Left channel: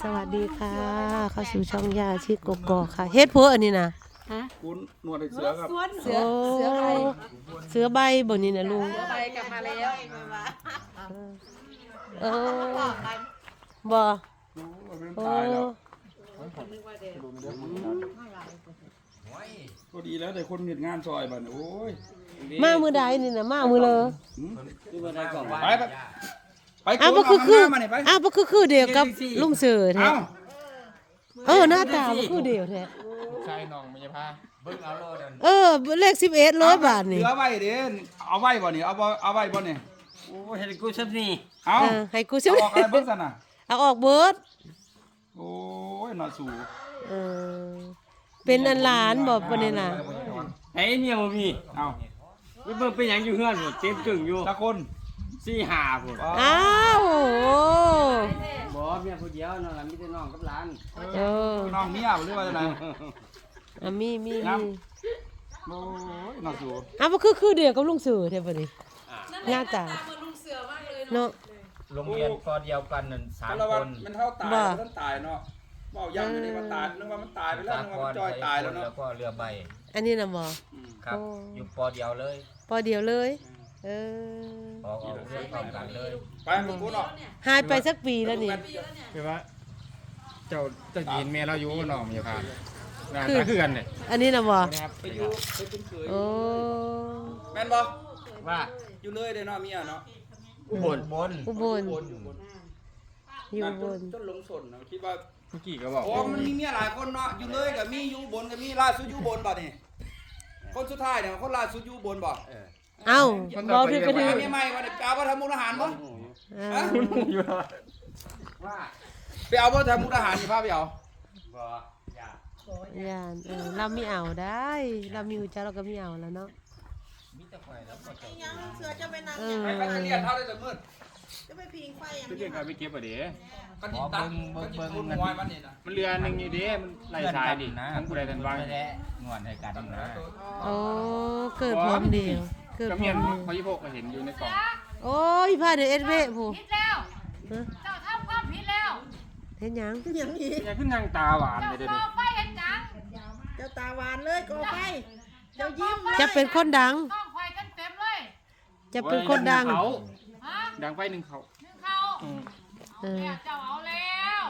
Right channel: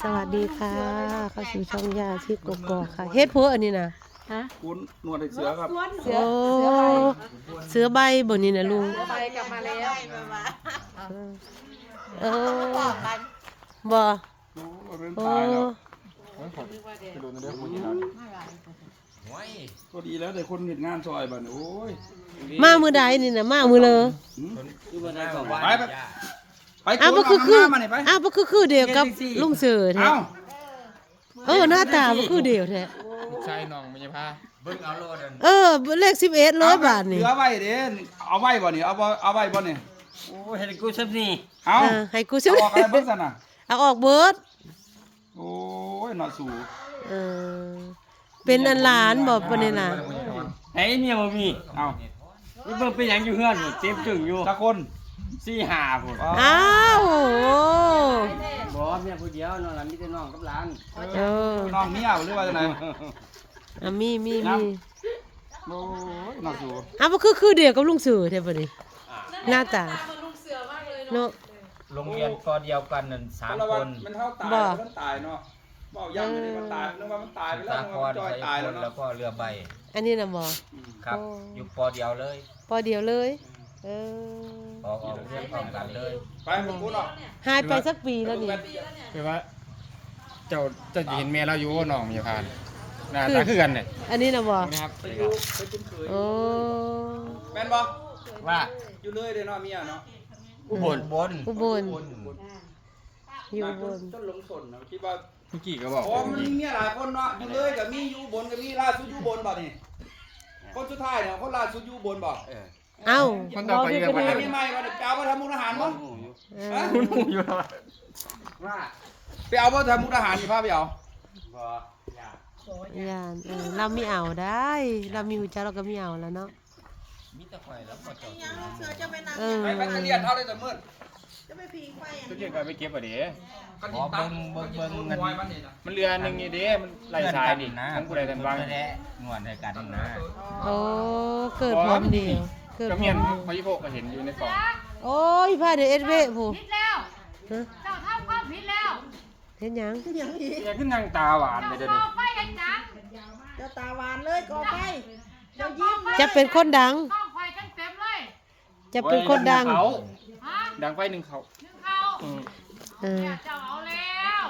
สวัสดีค่ะ เข้าสู่ช่องยาชีพกกอกค่ะเฮ็ดพัวอันนี้นะคุณหนวดไอ้เสือครับโอ้เสือใบบ่นี่นะลุงไปกลับมาแล้วเออบ่โอ้ยเป็นโอ้ตายแล้วก็ดีแล้วแต่คนเห็นงานซอยบัดนี้โอ้ยมามือใดนี่นะมามือเลยไปไป ไปอ้าวโกบ่นคือคือเามานี่ไป อ้าวบ่คือคือเดียวกับลุงเสือแท้เอ้าเออหน้าตาบ่คือเดียวแท้ใช่น้องไม่ใช่ผ้าเออเลข11ร้อยบาทเหนี่ลือไว้เด้เอาไว้บ่นี่เอาบ่เอาไว้บ่นี่โอ้เห็นกูซับนี่เอาเออให้กูเอาซื้อออกอะไรเบิ่งซั่นน่ะเอาออกเบิดโอ้ยเนาะสู่เออเป็นอันหลานบ่ปานนี้น่ะไอ้เมียบ่มีเอาไปเบิ่งเป็นหยังอยู่เฮือนหมดเต็มจึงอยู่จักคน สี่ห้าพุ่นอ้าวโอ้โหบ่เมียผู้เดียวน้องหลานมีแต่น้องกับหลานเออน้องเมียบ่หรือว่าจังไดอะมีมีครัมีบโอ้ยเนาะสู่อะบ่คือคือเดียวกับลุงเสือแท้บ่นี่หน้าตาเนาะโรงเรียนก็เดียวกันนั่นสามคนมันเท่าตายบ่มันตายเนาะเว้ายังไม่ได้มันตายนึกว่ามันตายไปแล้วสานึกคว่ารมันจอยใส่ตายคแล้วนเนาะแล้วก็เรือใบ อันนี้น่ะบ่ครับโอ้อยู่ปอเดียวเลยพอเดียวเลย เออออกออกเรียนพร้อมกันเลย ไปผมพูดหรอกหายไปสักปีแล้วนี่ คือว่า เจ้าเจะเห็นแม่เราอยู่ว่าน้องไม่ใช่ผ้าหน้าคือตาคือกันเนี่ยอันนี้น่ะบ่นะครับโอ้แม่นบ่ว่าอยู่เลยเด้เนาะเมียเนาะอุบลบนอุบลอยู่อุบลต้นลงสนเนาะคิดว่าเมื่อกี้ก็บอกโอ้มันมีเมียหลายคนเนาะอยู่เลยกับมีอยู่บนกับมีล่าสุดอยู่บนบ่นี่คนสุดท้ายเนี่ยคนล่าสุดอยู่บนบ่ เอ้าบ่พี่ก็ดีไอ้มีใหม่มาเนี่ยไปเอามาทำมุกอาหารบ่เอฮะอว่าไปเอามาทำมุกอาหารนี่พาไปเอาบ่อยากย่านเออเรามีเอาได้ เรามีหูจักเราก็มีเอาแล้วเนาะเสือจะไปนั่งเออไปก็จะเรียนเท่าได้แต่มื้อจะไปพิงไฟอย่างทุกอย่างก็ไปเก็บอะเด้ก็ติดตั้งเบิ่งเบิ่งเงินมันนี่นะมันเรือหนึงนี่เด้มันไหลสายนี่นะทั้งผู้ใดทั้งวางแท้งวนให้กันนะโอ้เกิดพร้อมเดียวเกิดก็พร้เมีอยนมเดียวพอยี่โพกก็เห็นอยู่ในกล่องโอ้ยพาเดี๋ยวเอ็ดเวผู้ผิดแล้ว ฮะเจ้าทำความผิดแล้วเห็นหยังอย่างนี้แกขึ้นนางตาหวานเลยเดี๋ยวต่นี้อไปอาจารย์เจ้าตาหวานเลยก่อไฟเจ้ายิ้มจะเป็นคนดัง ต้องไฟกันเต็มเลยจะเป็นคนดังเขาฮะดังไฟหนึ่งเขานึกเขาอืมเออเจ้าเอาแล้ว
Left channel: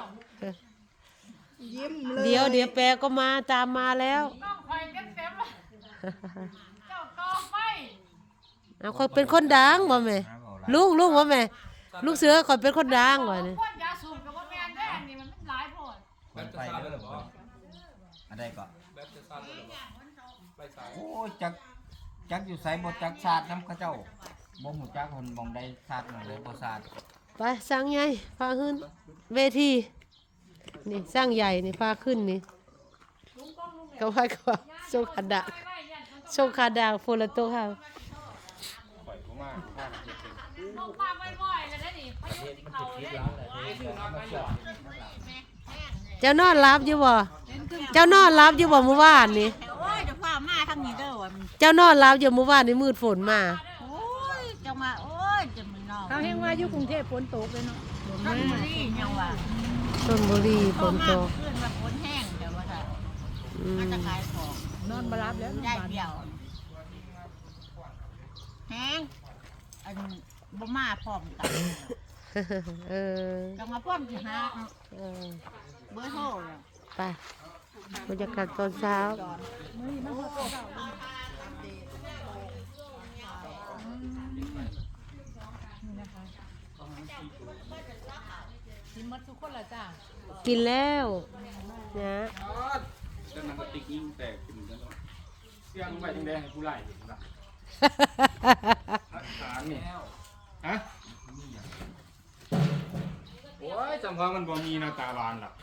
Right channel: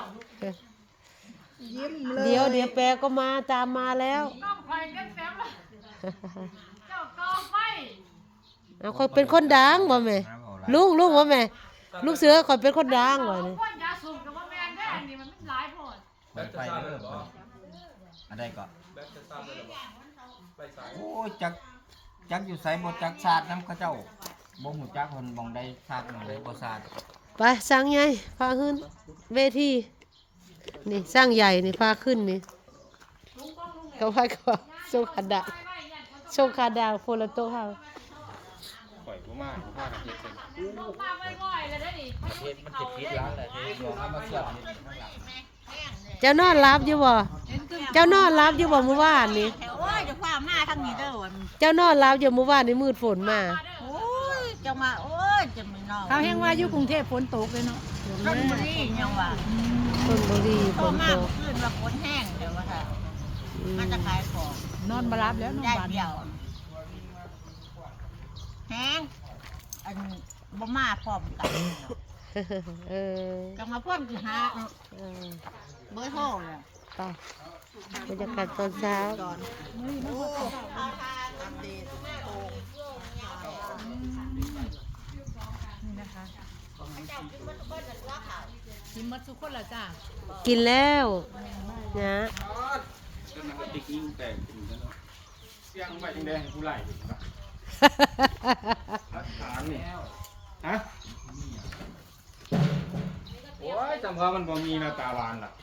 ยิ้มเลยเดี๋ยวเดี๋ยวแปรก็มาตามมาแล้ว ต้องไฟกันเต็มเลยเจ้าต่อไฟ เอาคอยเป็นคนดังบ่แม่ลุงลุงว่าแม่ลูกเสือคอยเป็นคนดังว่ะนี่คนยาสูบกับว่าแมนได้อันนี้มันไม่หลายโพดเปิดไฟเด้อคนอะไรก็โอ้ยจักจักอยู่ไสบ่จักศาสตร์น้ำเขาเจ้าบ่ฮู้จักคนมองใดศาสตร์มองใดบ่ศาสตร์ไปสร้างใหญ่พาขึ้นเวทีนี่สร้างใหญ่นี่พาขึ้นนี่ก็ว่าก็ว่าโชคขาดาโชคขาดาโฟลโตเฮาปล่อย ผมมาผมมาเก็บเองลูกฟังง่อยๆเลยได้ดิเฮ็ดมันสิผิดแล้วแหละเด้น้องมาสอนเจ้านอนรับอยู่บ่เจ้านอนรับอยู่บ่เมื่อวานนี่แถวโอ้ยจะฟ้ามาทางนี้เด้อวันเจ้านอนรับอยู่เมื่อวานนี่มืดฝนมา โอ้ยจะมาโอ้ยจะไม่นอนเขาแห้งว่าอยู่กรุงเทพฝนตกเลยเนาะต้นบุรียังว่าชลบุรีฝโตนมาตกกขึ้นว่าฝนแห้งเดี๋ยวว่าค่ะอืมมันจะขายของนอนมารับแล้วนอนได้บ้านเดียวแห้ง อันบ่มาพร้อมกันเออจังมาพร้อมสิหาเออเบอร์โทรเลยไปบรรยากาศตอนเช้ากินมัดทุกคนละจ้ากินแล้วนะแต่มันก็ติดนิ้วแตกขึ้นกันเนาะเสียงไฟแดงๆให้ผู้ไล่อยู่นะ ถามนี่ฮะโอ้ยจำว่ามันบ่มีหน้าตาหวานหรอก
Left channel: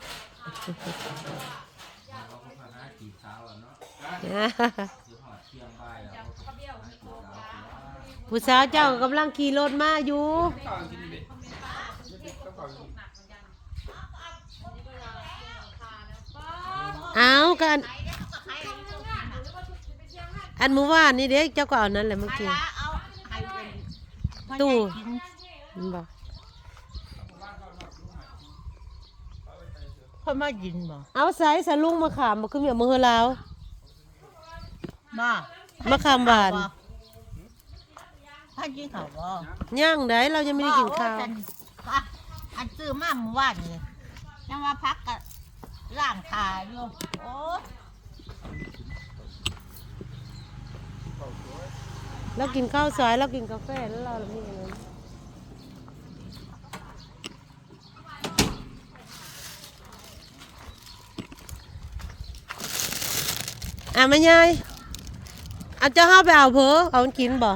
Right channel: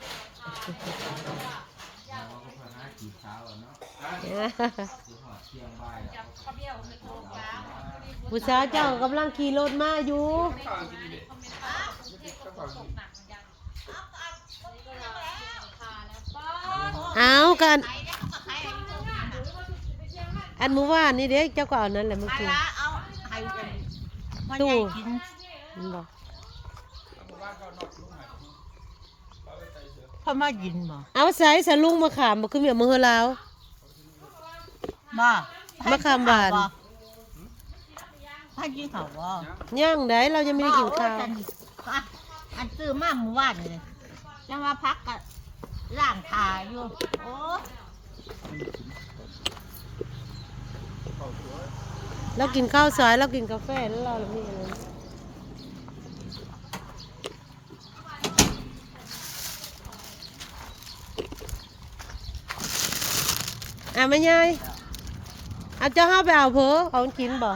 ฮะผู้สาวเจ้ากำลังขี่รถมาอยู่เอากัน อันเมื่อวานนี่เด็กเจ้าก็เอานั้นแหละเมื่อมากี้ ละเอาให้เป็นพ่อ ตู้ใหญ่กินมันบอกคนมากินบ่เอาใส่สะลุงมาขามบ่คือเมียมือลาวมามาขามหวานให้กินข้าวบ่ย่างได้เรายังไม่ได้กินข้าวโอ้ยอันอันซื้อมาเมื่อวานนี่จะมาพักกับร่างทายอยู่โอ้ เรากินข้าวสายเรากินกาแฟแล้วเรามีอะไรอะแม่ยายอาจจะห้าไปเอาเพอเอามันกินบ่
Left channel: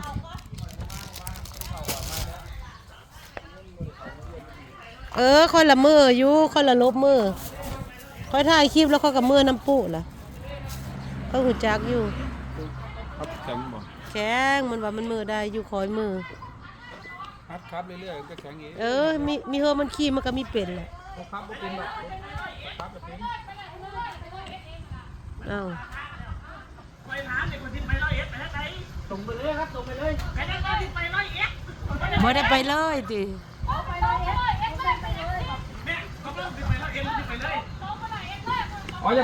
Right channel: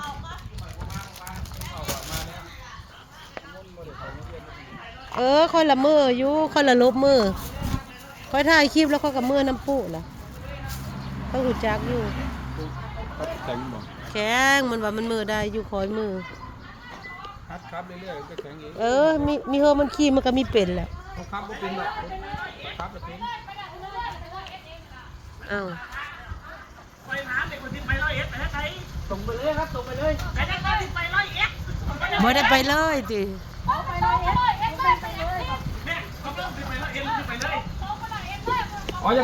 เออค่อยละมืออยู่ค่อยละลบมือค่อยถ่ายคลิปแล้วค่อยกับมือน้ำปูล่ะเขาหูจักอยู่ แข็งบ่แข็งมันว่ามันมือได้อยู่คอยมือครับครับเรื่อยๆก็แข็งอยู่เออมีมีเฮอมันขี้มันก็มีเป็นแหละเขาครับบ่เป็นหรอกครับบ่เป็นอ้าวส่งไปเลยครับส่งไปเลยบ่ได้ไปเลยติอ๋อจะ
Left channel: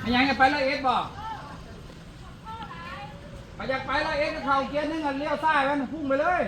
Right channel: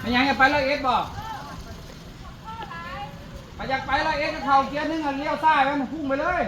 ไม่ยังจะไปละเอ็ดบ่ไป อยากไปละเอ็กซ์เขาเกียร์หนึงอะเลี้ยวซ้ายไปมันพุ่งไปเลย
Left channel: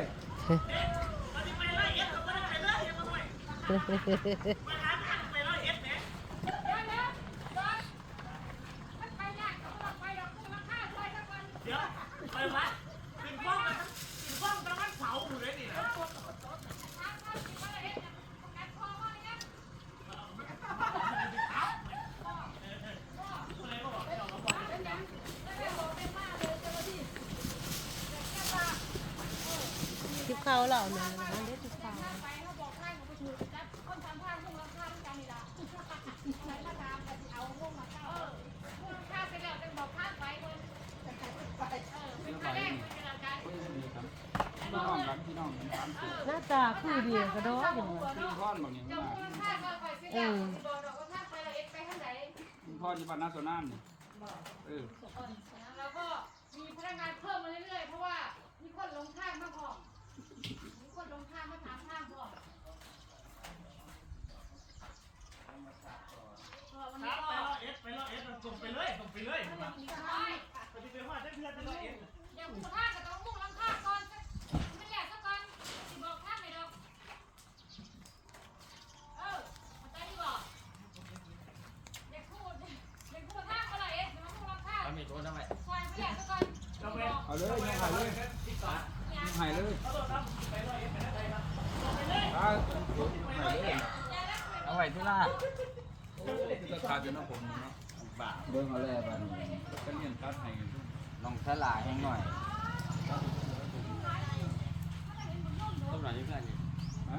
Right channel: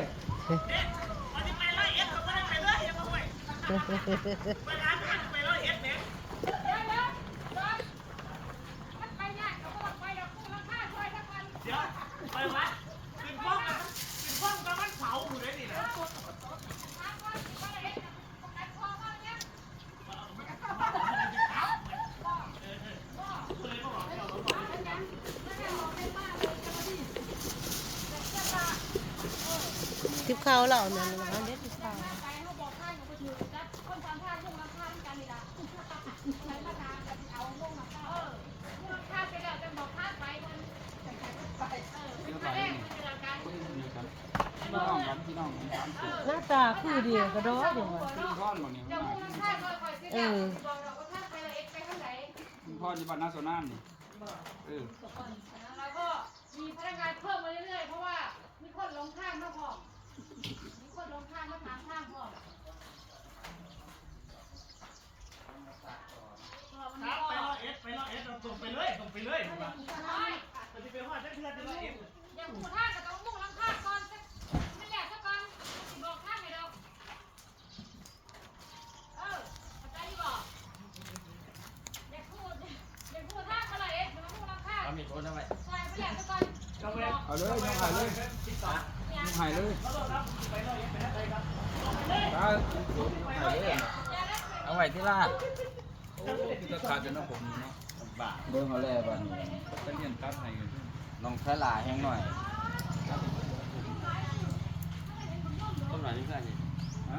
ทิพเข้าเรานั่นน่ะมันเด็กทิพข้าพี่น้องกันพี่น้องกันสามสิบหน้าตาคือเดียวกระโดดอย่างว่าพี่พ่อนบางอย่างม่มาเออพี่พ่อนที่บ้านนาโซนามนี่เออแล้วก็มีพนักงานเพิ่มมาเรื่อยๆเพราะว่ามีคนลงข้างมาพอมมีคนลงข้างมาถามข้างพร้อม อย่าพูดข้างแต่ต้องมุ่งลงข้างก่อนไม่อยากสักก่อนบอกข้างไม่ดอกเออเข้าใจบอกอย่าพูดอย่าพูดข้างก็เลยเอ๊ะมันมุ่งลงข้างมีโทษทำไมใช่ไม่อยากสักก่อนบอกเอาเลยน้องหายเลยน้องหายเลยตาโดนน้องหายเลยเอาไว้ที่ลาด โอ้คือจะตัดอยู่นะผมเนาะบ่าเบิ่งเอาแล้วบัดนี้เป็นเห็นตัดให้อยู่น้องสลาแห้งหน่อยต้นหน่อยนี่เพื่อนนี่ฮะ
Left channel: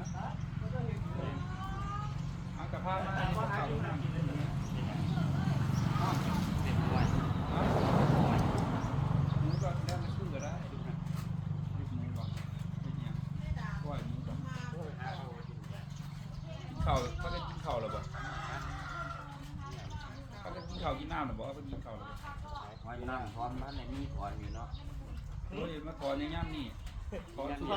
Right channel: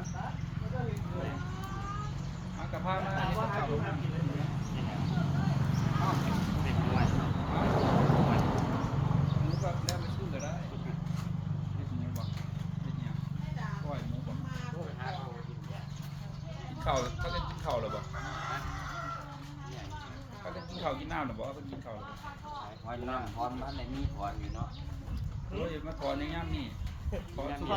เอากระเพรามาอันนี้ก็เข่าลงน้ำอ้าวเด็กด้วยอ้าวหมูก็แล้วมันสู้ก็ได้เล็กหมูบ่เล็กเนี่ยก้อยหมูบ่กินข้าวเขาจะกินข้าวหรือบ่เขาจะกิน ข้าวกินน้ำหรือบ่เขาจะกินข้าวหรือบ่ถอนน้ำถอนมันไหนมีถอนอยู่เนาะโอ้ยมาถอนในย่ำนี่ถอนสุก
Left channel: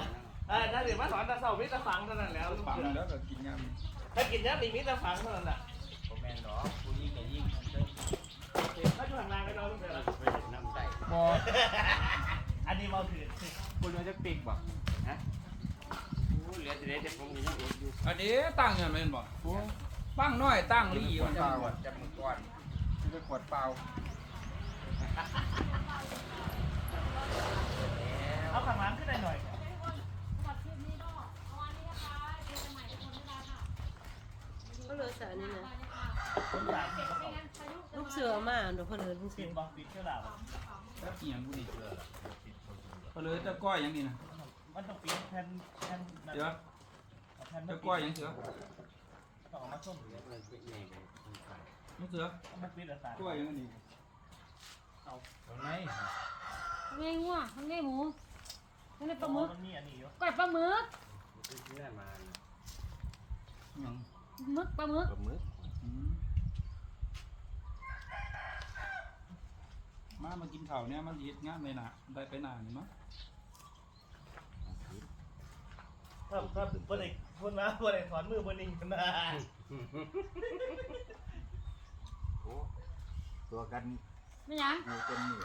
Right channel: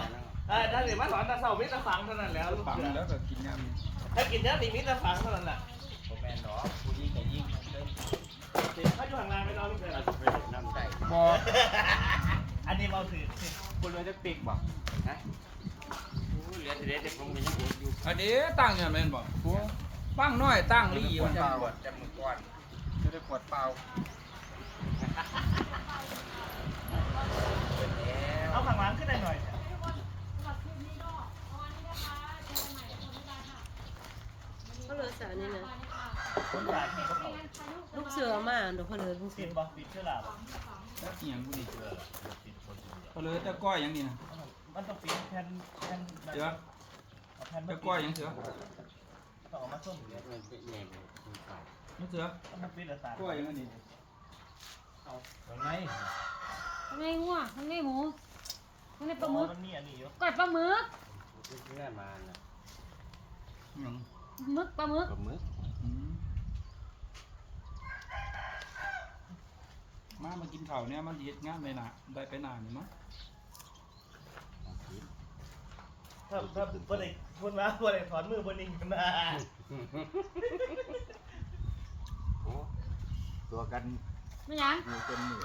เออถ้าเดี๋ยวมาถอนตะเสามิตรฝังเท่านั้นแล้วลูกฝังเสือแล้วก็กินย่ำนี่ถ้ากินเนี้ยมีมิตรฝังเท่านั้นแหละผมแม่นดอกผู้นี้ก็ยิ่งเพิ่นเขาอยู่ห่างไกลไปเราลูกเสือไปน้ำได้บ่อันนี้เราถือคุณว่าจะติกบ่ฮะโอ้เหลือแต่เด็กแต่ผมยังอดอยู่อันนี้ตั้งอย่างนั้นบ่ปั้งน้อยตั้งลี่มัมันนจะจะปวดจะมือก้อน ไม่ได้ปวดเปล่าเอาข้างหลังขึ้นได้หน่อยเขาเหลือสานี่นะคนอยากให้เขาลูกเสือมาเดี๋ยวเขาเหลือลูกเสืปิอดบอกปิดเชื่อลาบแล้วอหย่างบุรีก็เลยตะก้อยอย่างนี้นะมันต้องปิดแผ่นแผ่นเสือแผ่นตะก้อยอย่างเสือต่อมาส้มเหลือมันเป็นไงเป็นคนขาย มันเสือมันปิดแล้วสารก้อยอย่างนี้ตรงไหนทำไมงัวทำไมหมูทำไมปลาหมึกมันมีอันนี้อยู่ก้อยปลาหมึกเพื่อนมาเนาะหยังหมึกปลาหมึกกับมืออืมมามากินข้าวเนี่ยมันเฮ็ดงานไปน่ะได้ไปนานนี่มั้งถ้าถ้าเพื่อนไอ้พูดมาเพื่อนไอ้ถอนมือบนนี้นะ กันไม่หยังอยู่จนมือ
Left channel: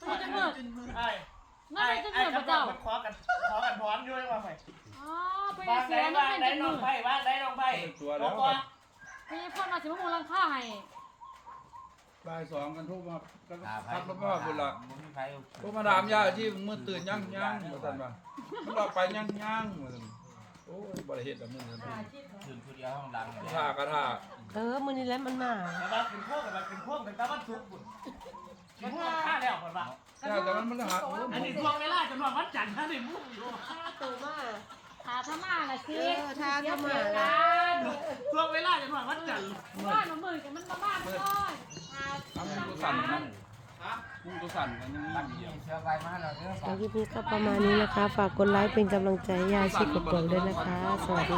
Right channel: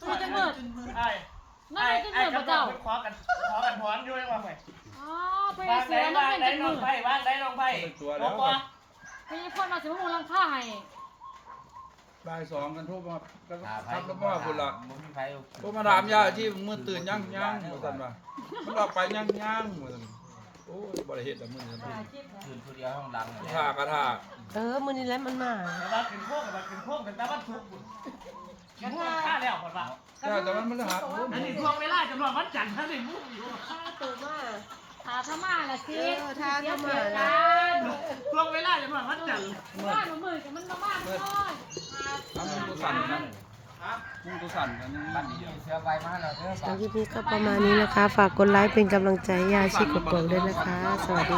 ตัวจะเกิดไอ้นั่นเลยจะเกิดพระเจ้าขอกันขอกันพรอยู่ยังว่าไงอ๋อไปวางเสืได้อนั่นวางเป็นได้จังน้มืองอไผ่วางได้น้องไผ่ตัวน้แล้อวงปอมีคนมาสิมามูลังค่าให้บ่ายสองกันทุกมาก็ทับแล้วก็พุ่นละบ่มีไผเอาพวกมาถามยาที่มือตื่นยังยังเหมือนกันป่ะมันออกไปยังยังเหมือนกันโอ้ยบริเหตุละมือกันคืนผู้เดียวห้องหลังเลยท่ากระท่าเออมื้อนี้แหล้วมันมาแต่ว่าขึ้นโค้งกับขึ้นโค้งถึงตาบ้านทุกบุญขึ้นโค้งค่าแล้วก่อนป่ะใช่แต่มันมันหักโอ้อันนี้ทวงเวลาจนวันวันจันทร์ท่านได้มุ่งอยู่ถาพม่าละสิเสียเสียกันทวงเวลาจนวันวันจันทร์ว่าหนูมือกับมันมาบ้านน้อยทำมึงตัวสั่นนะ มึงตัวสั่นกันยังบัดดีนี้อะเสื้อใบมาแล้วเด้อสำหรับคลิปนี้ก็ประมาณนี้นะคะ ฝากกดไลค์เป็นกำลังใจให้ยาชีกดกดด้วยนะคะ สวัสดี